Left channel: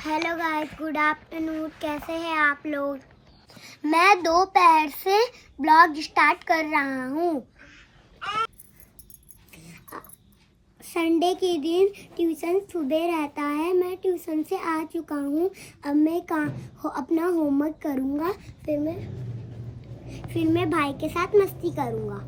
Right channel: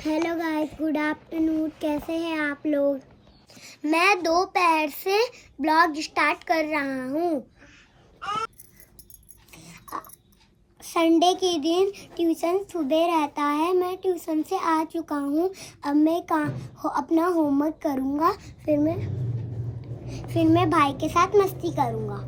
Hello guys, good afternoon. कैसे हैं आप लोग? मैं दोपहर से ब्लॉग स्टार्ट कर रहा हूँ। संडे के दिन ट्यूशन सुबह रहता है। मैं ट्यूशन से आ चुका हूँ। अब मैं अपना होमवर्क करूँगा। फिर मैं भाई के साथ मस्ती करूँगा।